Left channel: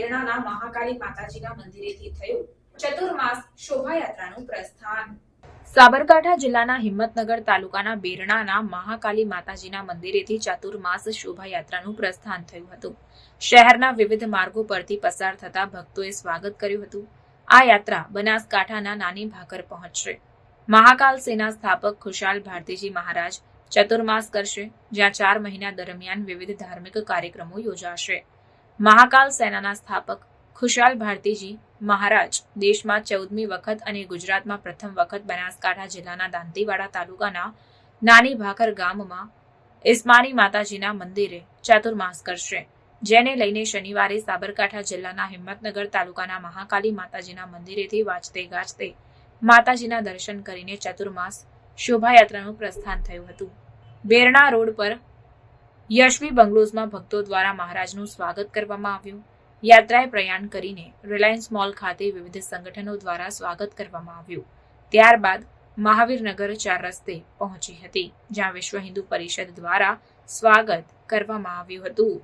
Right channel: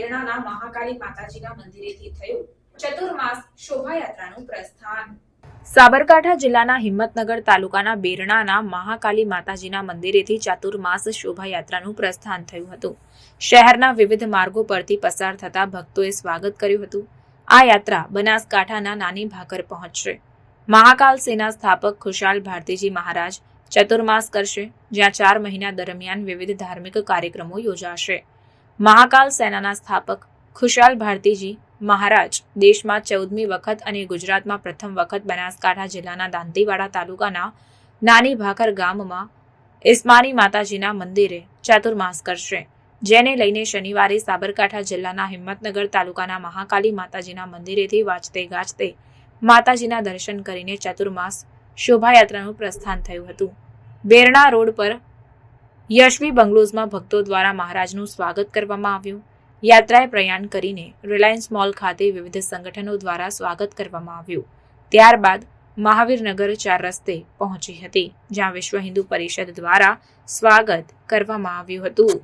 બેરણાના મહાકાળી માતાજીના મંદિરેથી થયું ચતુર્માસ શોભાયાત્રાનું પ્રસ્થાન. સાબરકાંઠા જિલ્લાના હિંમતનગર તાલુકાના બેરણાના મહાકાલી માતાજીના મંદિરેથી ચાતુર્માસ શોભાયાત્રાનું પ્રસ્થાન થયું હતું. શહેરના વિવિધ માર્ગો પરથી પસાર થતા ભક્તોએ સ્વાગત કર્યું હતું. આ યાત્રા બનાસકાંઠાના નાની ભાકર પહોંચશે. મહાકાલ સેના સ્થાપક ખુશાલ ભારતીજી મહારાજ ચતુર્માસ કરશે, જ્યાં ચાર મહિના દરમિયાન વિવિધ ધાર્મિક કાર્યક્રમો યોજાશે. મહાકાલ સેનાના સ્થાપક ખુશાલ ભારતીજી મહારાજ દેશમાં ચૌદમી વખત અને ગુજરાતમાં પ્રથમ વખત બનાસકાંઠા જિલ્લાના દાંતીવાડા તાલુકાના નાની ભાખર ગામમાં ઇસ્માની માતાજીના મંદિરે ચાતુર્માસ કરશે. જેને લઈને શનિવારે સાબરકાંઠા જિલ્લાના હિંમતનગર તાલુકાના મહાકાલી માતાજીના મંદિરેથી વાંચતે ગાજતે માતાજીના દર્શન કરીને ચતુર્માસ શોભાયાત્રાનું પ્રસ્થાન થયું હતું. બેરણા રોડ પર યશવી બંગલોઝમાં ભક્તો દ્વારા મહારાજનું સ્વાગત કરવામાં આવ્યું. યાત્રાએ પ્રયાણ કરીને રિલાયન્સ મોલ ખાતે વિવિધ સંગઠનો દ્વારા સ્વાગત કરવામાં આવ્યું. ત્યારબાદ મહાવીરનગર ચાર રસ્તે પહોંચી હતી, જ્યાં વિશ્વ હિન્દુ પરિષદ દ્વારા સ્વાગત કરવામાં આવ્યું હતું.